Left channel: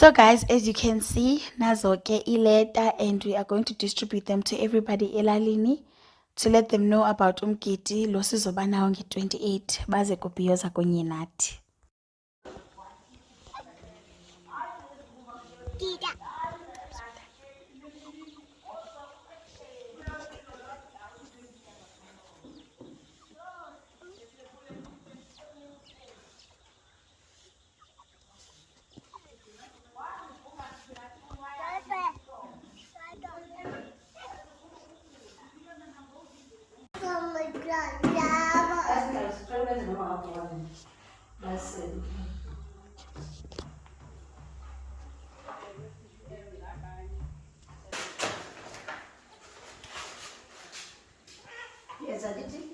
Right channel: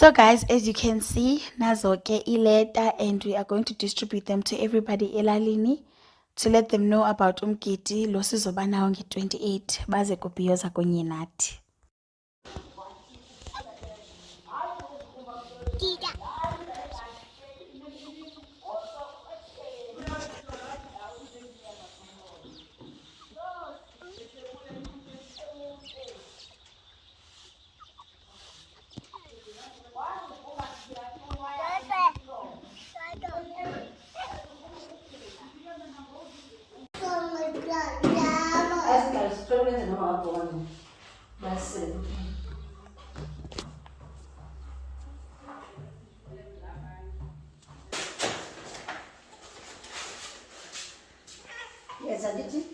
So guys, as you can see, nazo ke ileta and we are going to distribute them to everybody elalini to let them know about umgidi lo sizoba nawo nge-28 baze kubhiyoza kunye nathi. Yes, I did.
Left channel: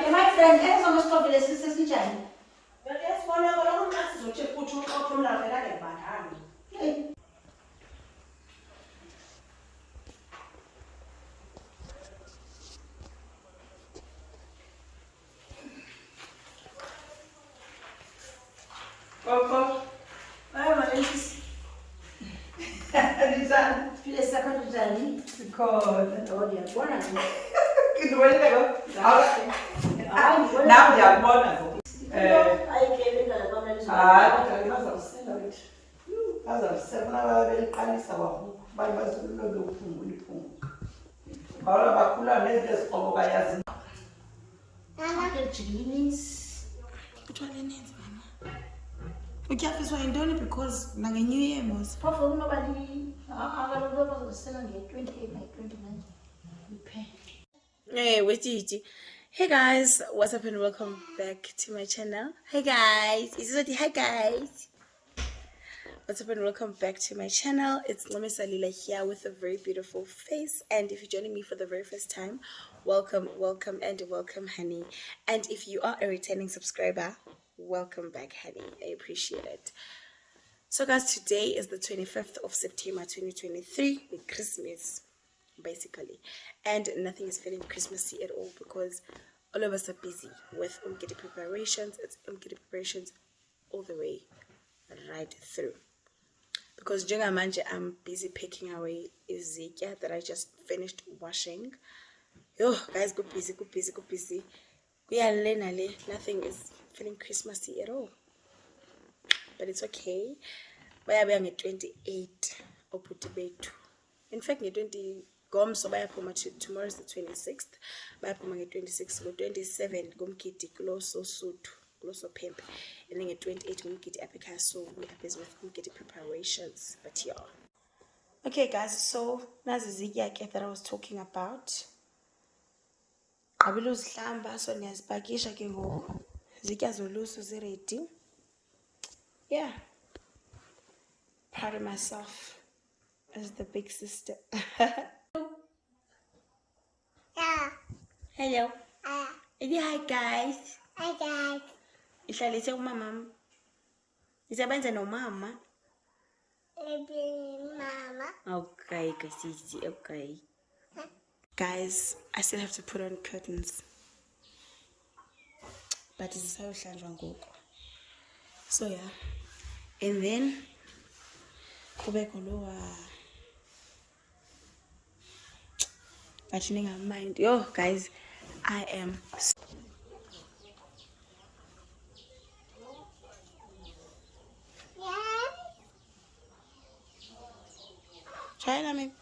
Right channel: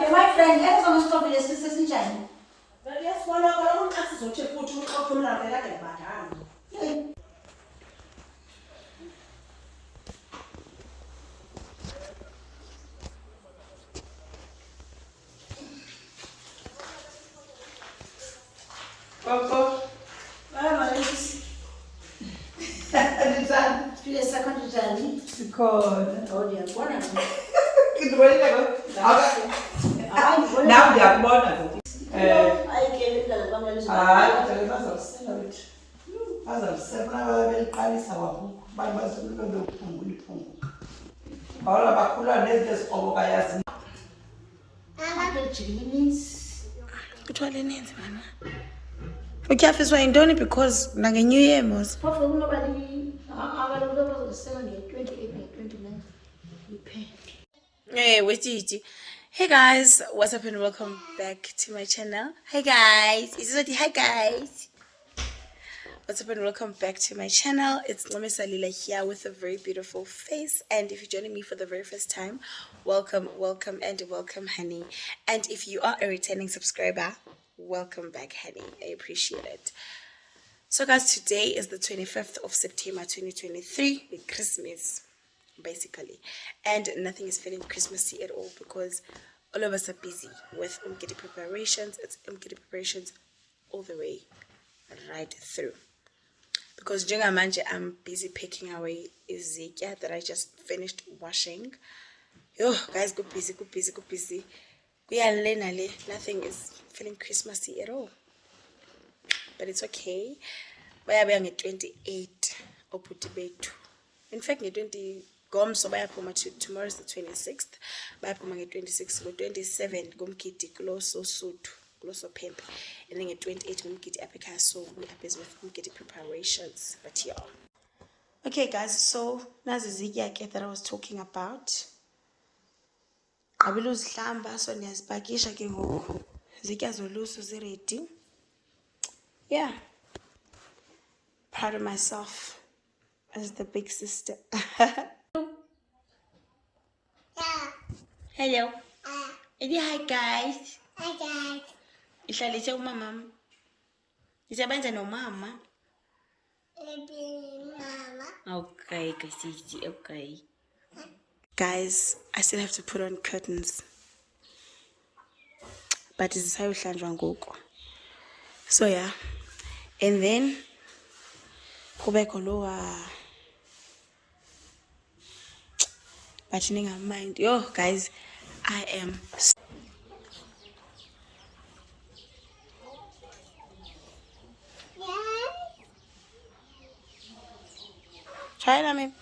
My friend, now they are born. Uthwale nenzi mama. Utyafiswa yintoni because nange-New Year mos. Hey, wait, hey guys, what's up and welcome back to my channel. Hey guys, hi guys. What's up and welcome back to my channel. It's Ncome Salila here with a very beautiful face, and if you're joining me for the very first time, welcome and welcome, honey. And if you are a returning subscriber, welcome back, honey. I appreciate it. So guys, today is the 25th of September 2023, Christmas basically, and nothing is feeling Christmassy at all because all of us are busy with umgidi preparations. It's umgidi preparations all the way right through, because njengamanje I'm busy picking away izitya that I just finished washing. Yo guys, go busy. Nothing is feeling Christmassy at all, but it's okay. Bayabuya nge-28 obhuti bethu. In fact, nge-20 Gomso bayaphuma tomorrow is the 26th. Bayaphuma nge-26, ngo-27 ngumgidi kulo Sosuthu, kulo Sophempe, and then nge-28 ngumgidi apha ekhaya. So we are busy with umgidi preparations, but yeah. Okay guys, so nazi izitya ke that I was talking about. Qabila uzihlamba, so niyazipakisha ke ngoku. Izitya zolusu zi-ready. Yeah. Proud of myself as the big sister. Hello. Hi guys. Hi guys. Ihlalise umama. Isebenza nomama. Mama. Okay, guys. Okay. Guys, I still have to put on curtains. But it's how ngoku. So yeah. And then kubeko lowa. But mind. Yo guys, I am try it on me.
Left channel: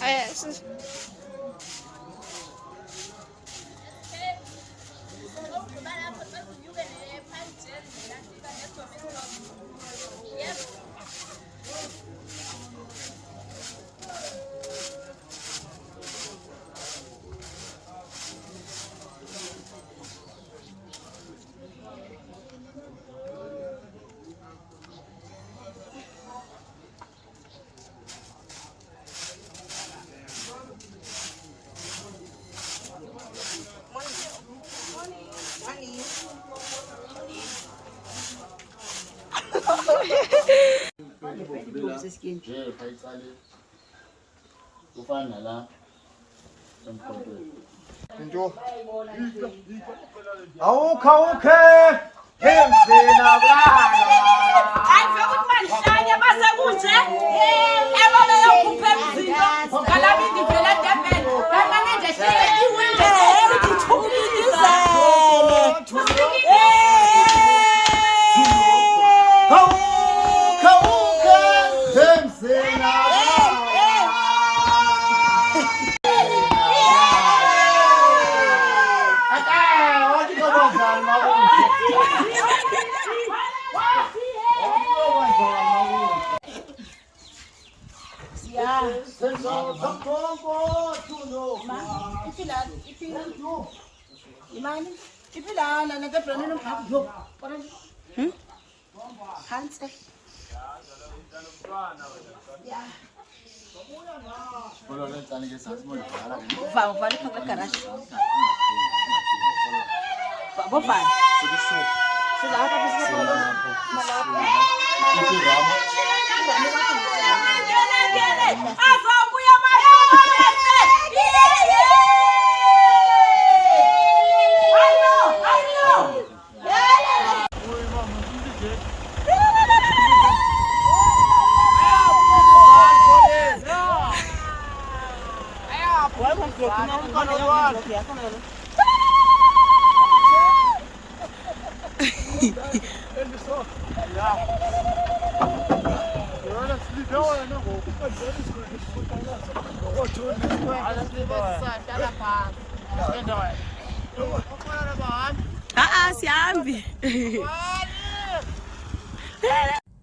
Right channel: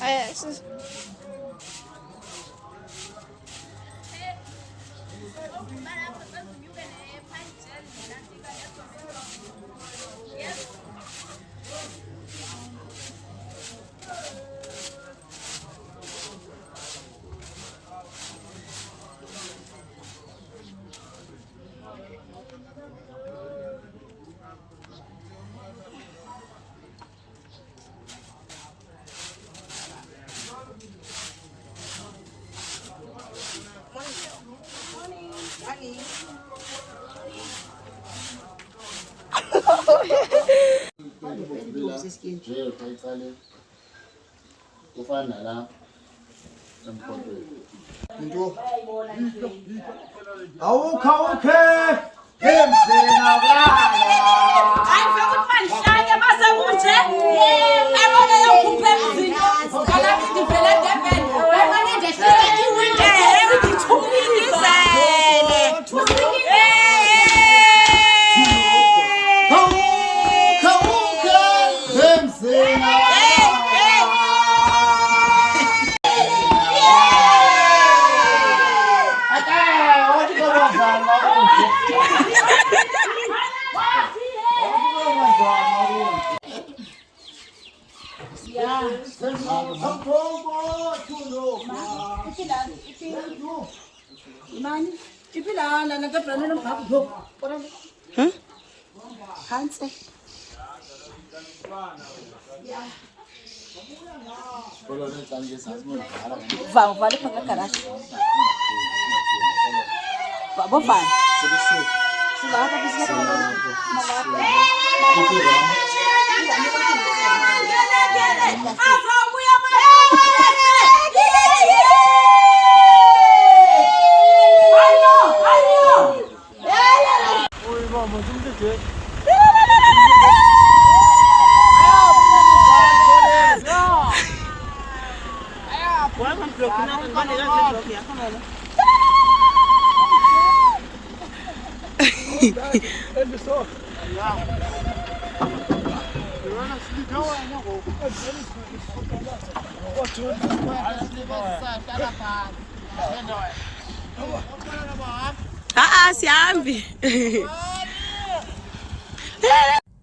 Yes.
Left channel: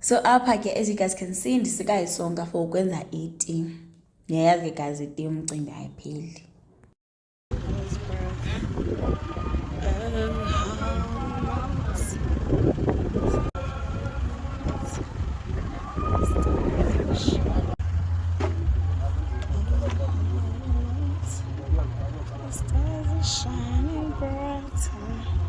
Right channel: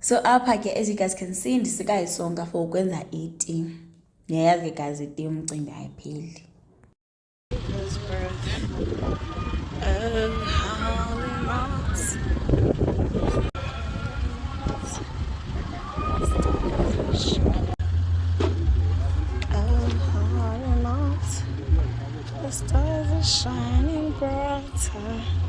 So apha ke, as you guys can see, ndisikayisonga for ukwenza iti. Niyayazi ke guys, iti umcimbi ayipheli. The stars are shining brighter.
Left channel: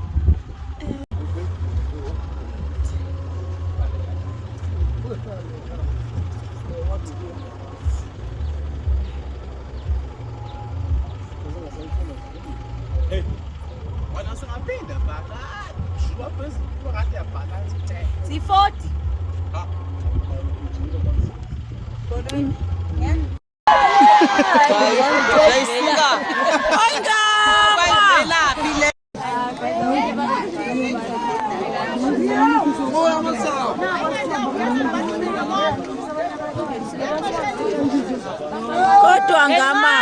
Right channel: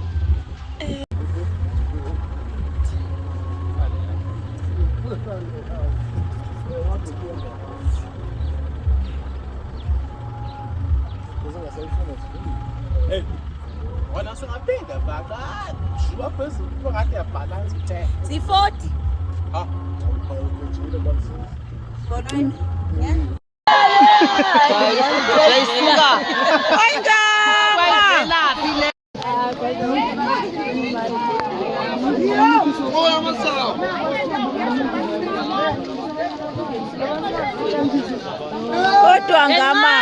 Kodwa ngama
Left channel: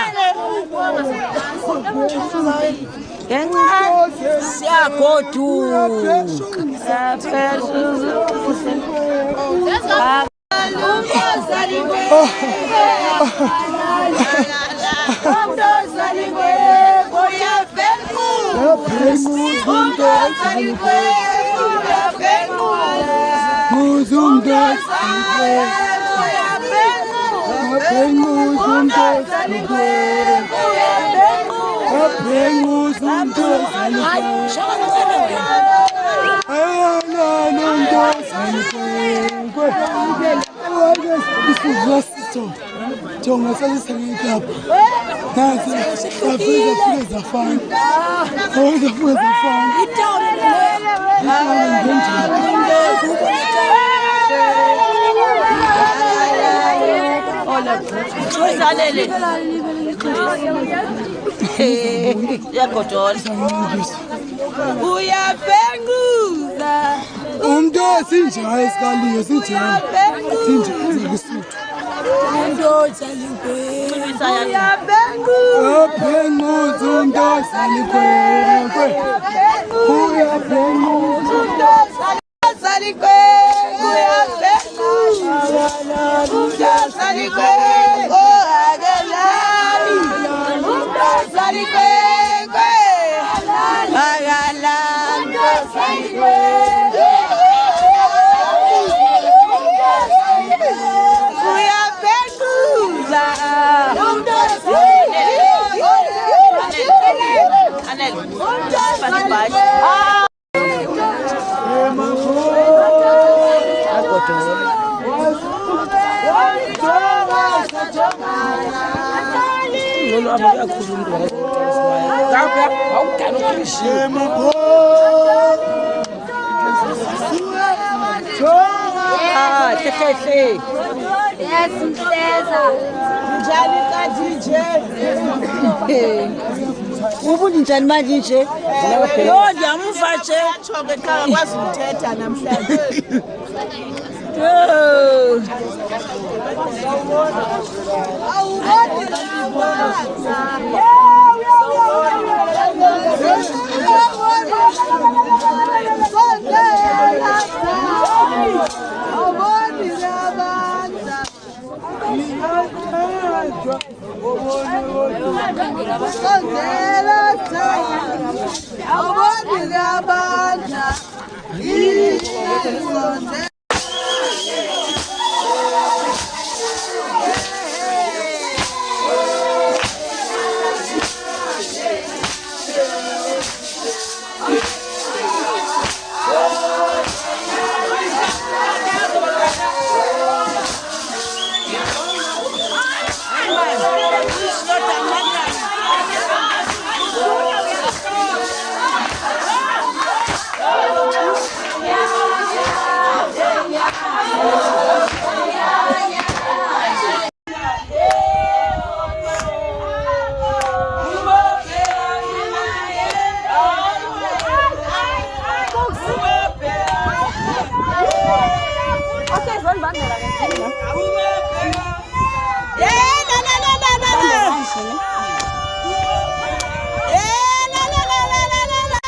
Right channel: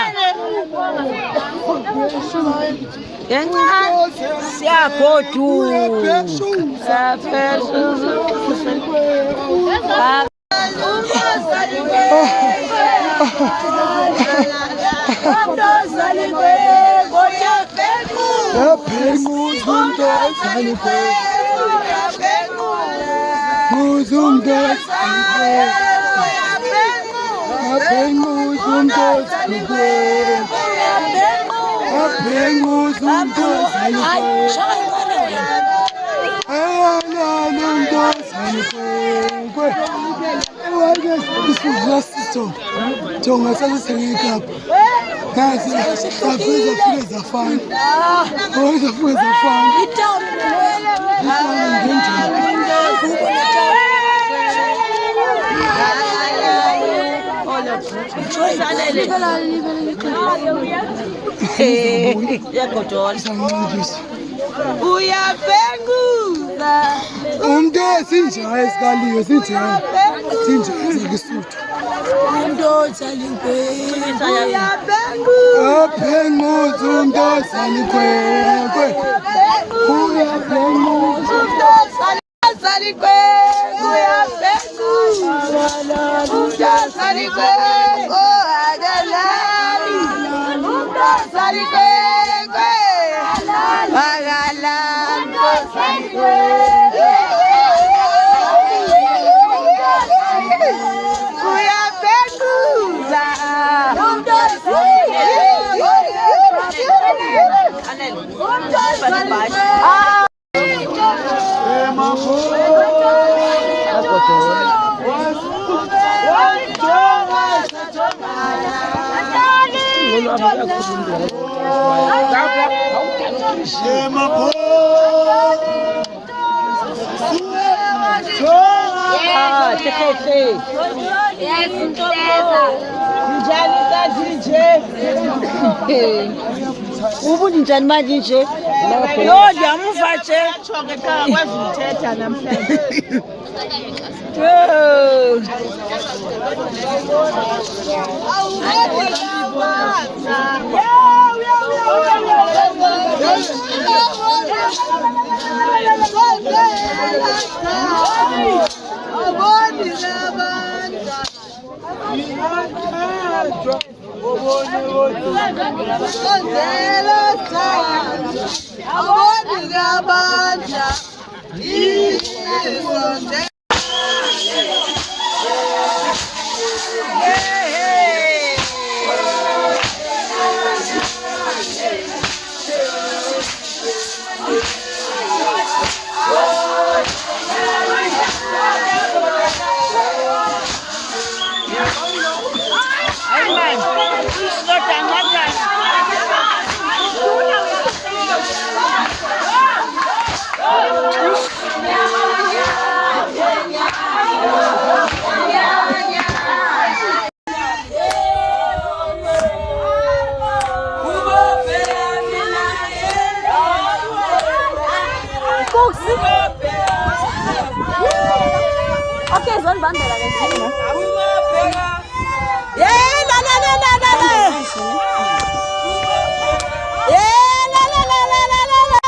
Jonga sasisengeka nasi afika zafana afika zafana uyapenguza umuntu sinjaya esikaliyo sinjaya ngesuthu umuntu alinkwe uyapenguza umuntu alinkwe uyapenguza umuntu alinkwe Bye. Yes, Nteza. Njani ka DJ? Ubuthi njani manje nje? Yo ndiyamuva nje. Chonke cha kwazi uthetha namhlanje. Yo. Okay, zon bandera ke. Yeah, la la la la la la. Yeah, la la la la la la la.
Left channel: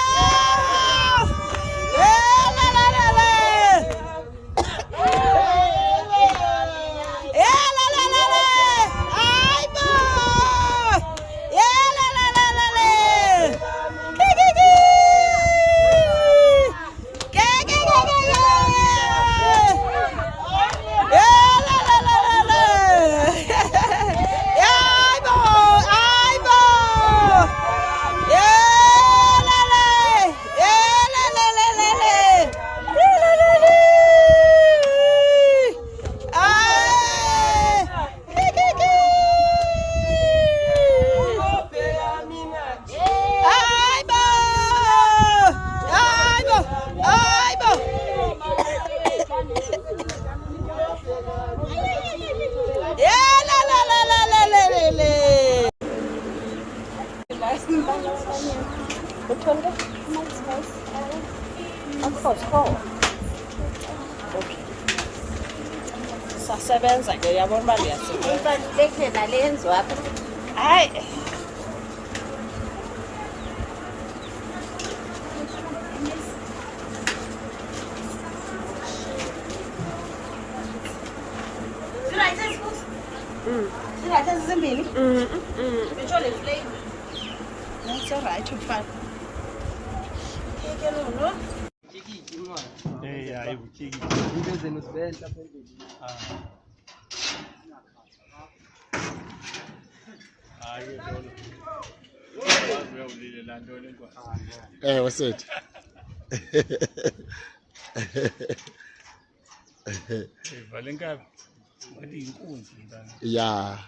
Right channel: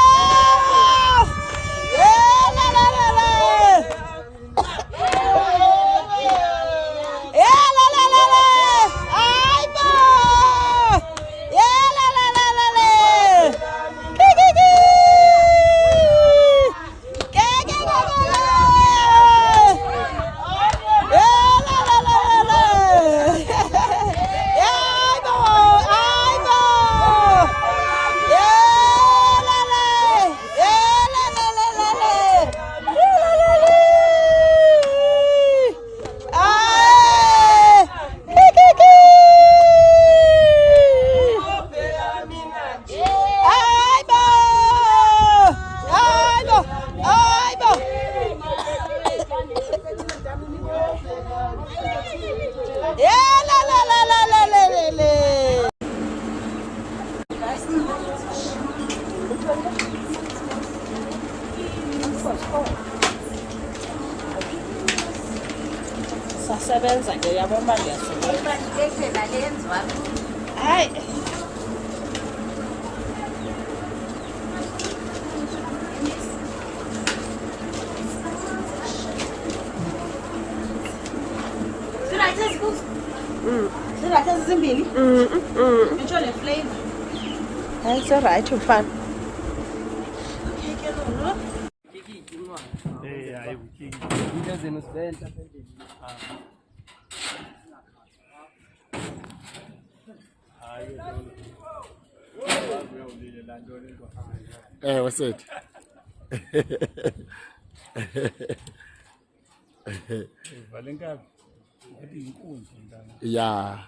Yeah, la la la la. Yeah, la la la la. Ay, boy. Yeah, la la la la la. Ki. Sasebenza ke yabona uba ndiyasebenza. Hayi. It's all right, it's fun. Hey, what's it? Yeah.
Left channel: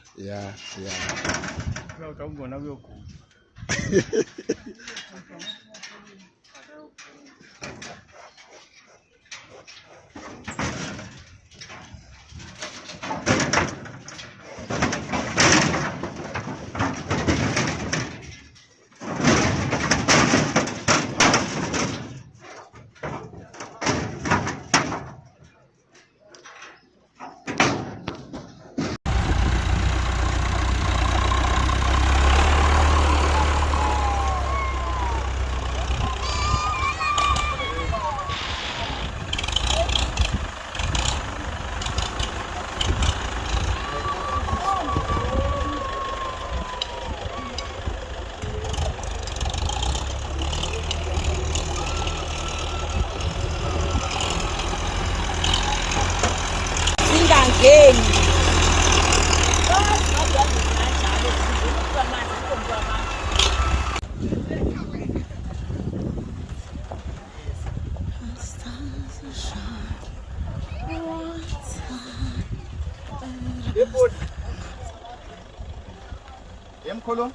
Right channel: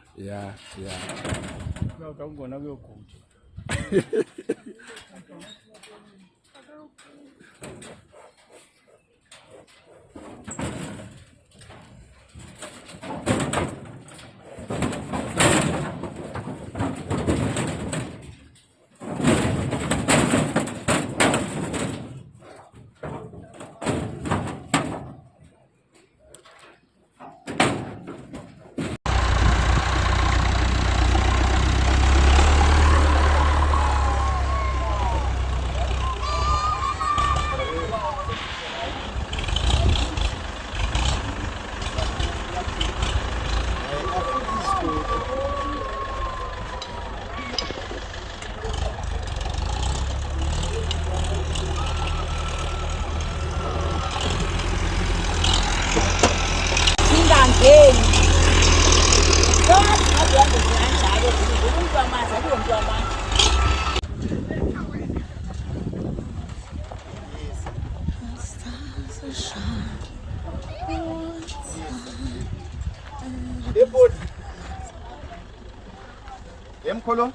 Yemkhulu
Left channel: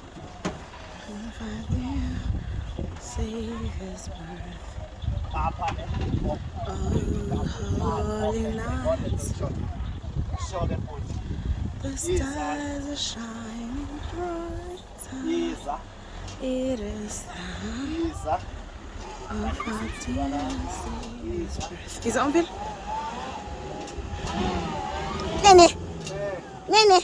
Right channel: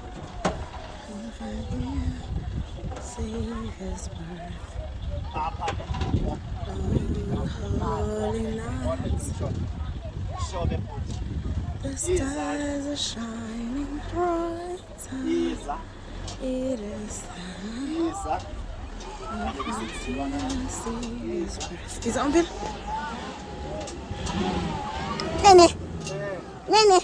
Savior's birth. On holy night, the stars are shining brighter. It is the of our dear Savior's birth. Is that on, Bill? Nene. Nene.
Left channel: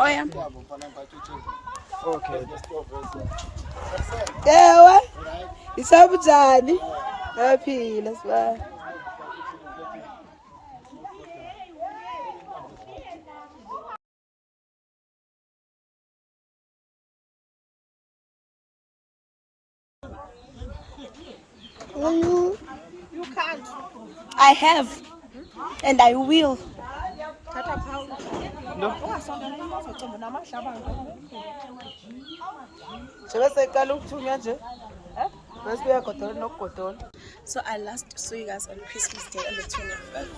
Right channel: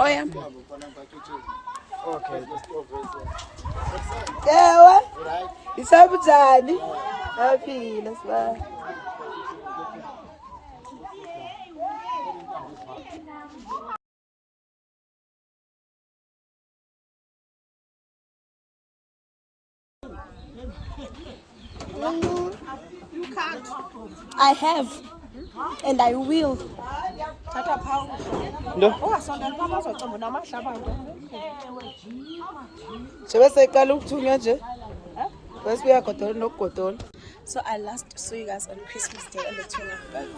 Oh yeah. Okay. Yeah, isabujani naphila siba. You can't. I have. And I will. So I last saw you guys on Christmas Day on the 25th.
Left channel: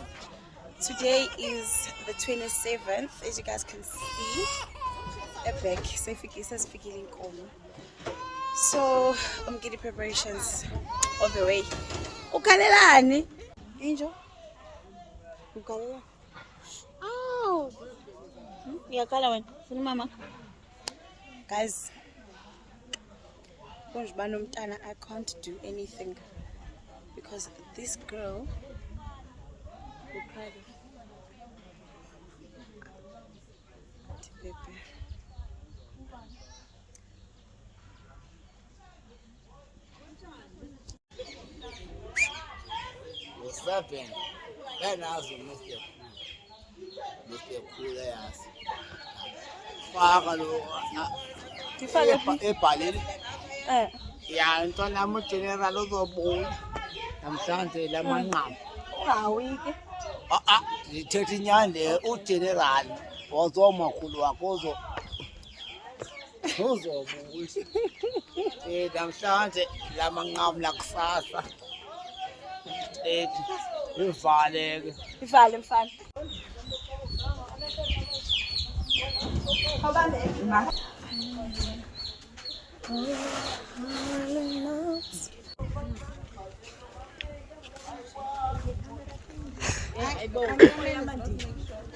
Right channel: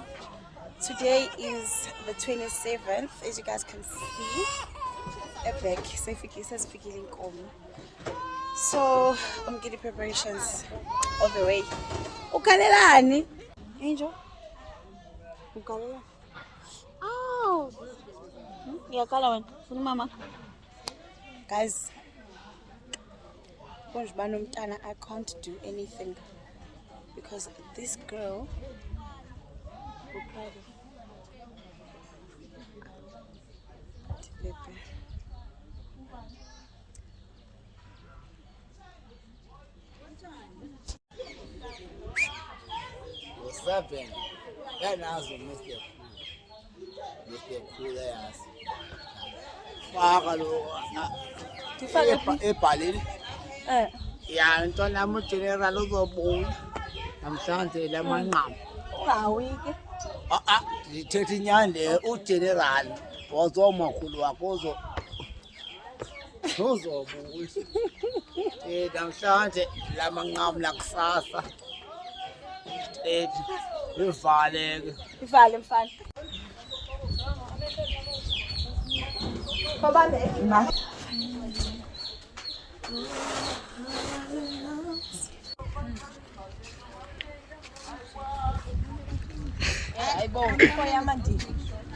Today is the 27th, as you guys can see. Epic. So I'm getting preparations all the way. Ukalelani? Angel. Ukalela. Oh. Ngiyakhala wena. Funa mama. Guys, I can't do anything because this girl will cry. What's happening? That now is Mr. Cool ass. Ebhaleni ya ntwana yami ugeneral uzobuya namhlanje lamanqamu Ungawi ke. ndithetha inyani le ugeneral wazomakhulu wakho uzobuya namhlanje lamanqamu lakusasa ivaleke Ivale mfana.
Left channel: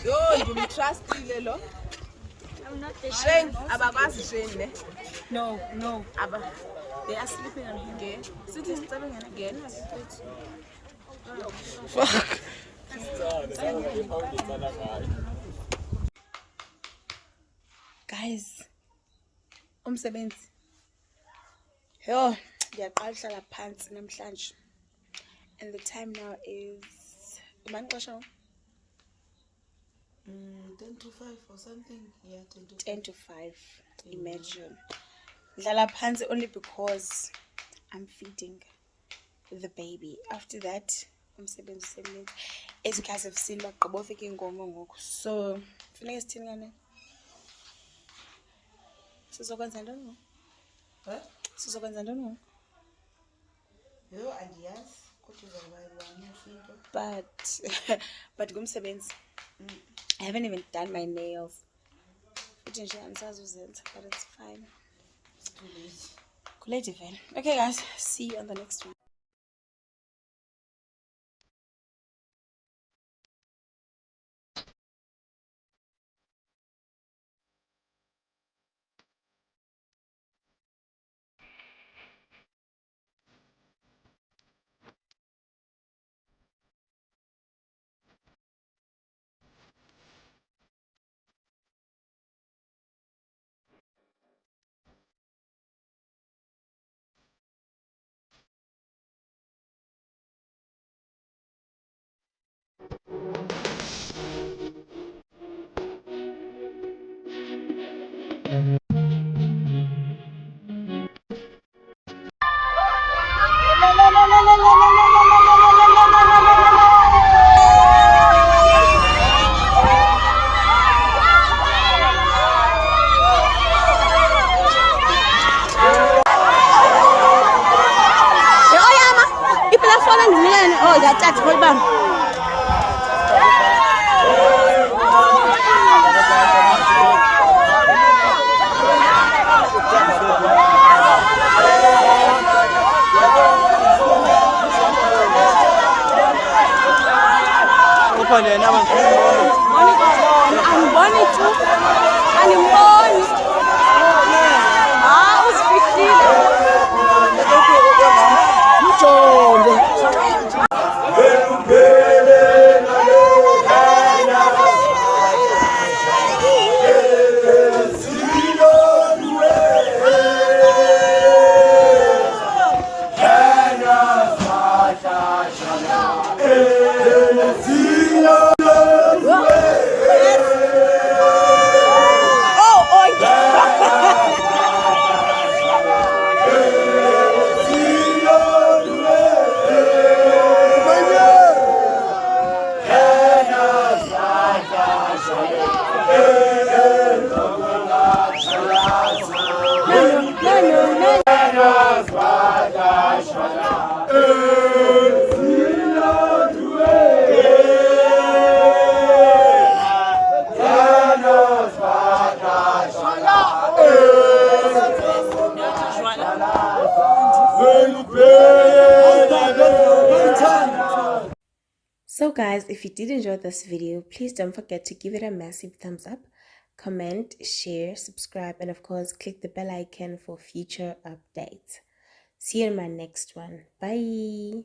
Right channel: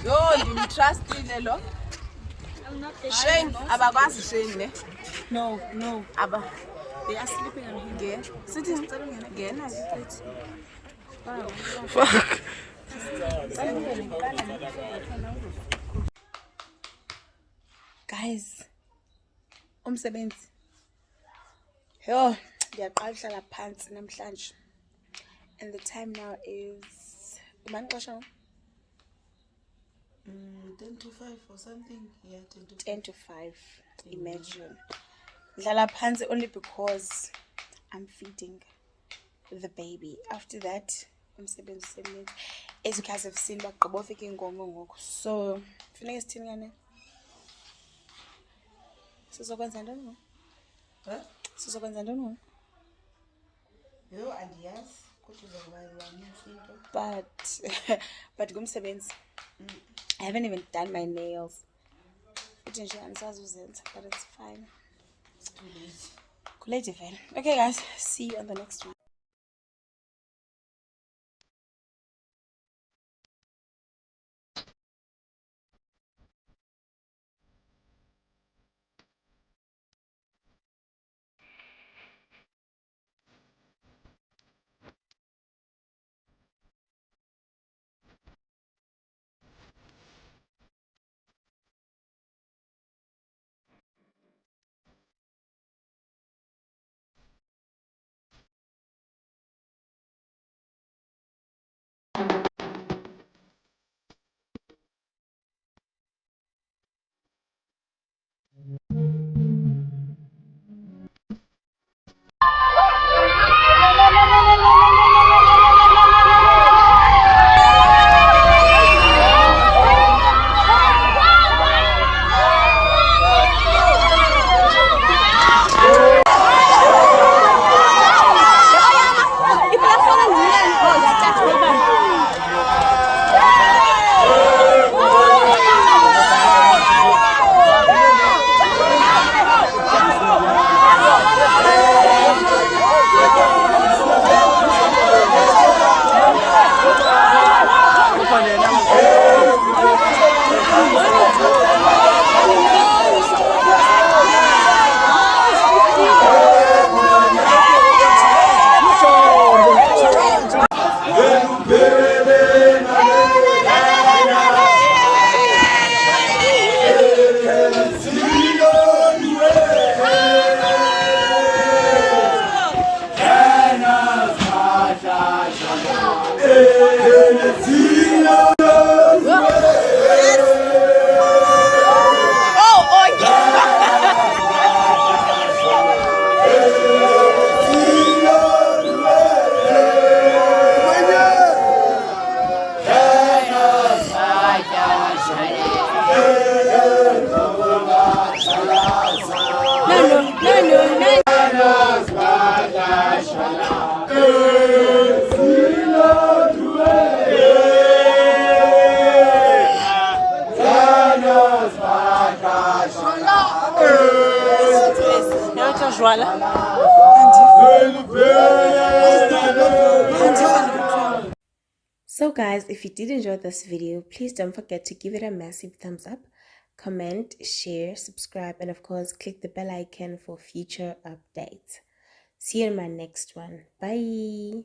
Yo, ndimtrustile lo. Shane, abakwazi Shane ne? No, Abba. They are sleeping on him. Sitting again. Fuck. Guys, umsebenzi. Yo, ndiyaqala uhlala phansi namhlanje. And the time now is 10 to 5 or something. Yeah, 10 to 5. 10 to 5. Imagine. Ndlala phansi only because I'm feeding the baby. After that, umsebenzi usemninzi. As you guys have seen, bagqiba ufika inkomo ngoku. So, funeka sithini ngane? Sizokwenza ntoni ngoku? Huh? Sizokwenza ntoni ngoku? Yo, andiyazi. Kodwa uzokuba yibani into. But ngumsebenzi. I haven't even done my nails. Futhi nje andisazi uzenza, but it's fine. It's too late. Kulate vele. Okay guys, see you on the next one. So guys, if you did enjoy this video, please don't forget to give it a massive thumbs up, comment, share, subscribe, and of course click the bell icon for future updates. See you in my next one. Bye.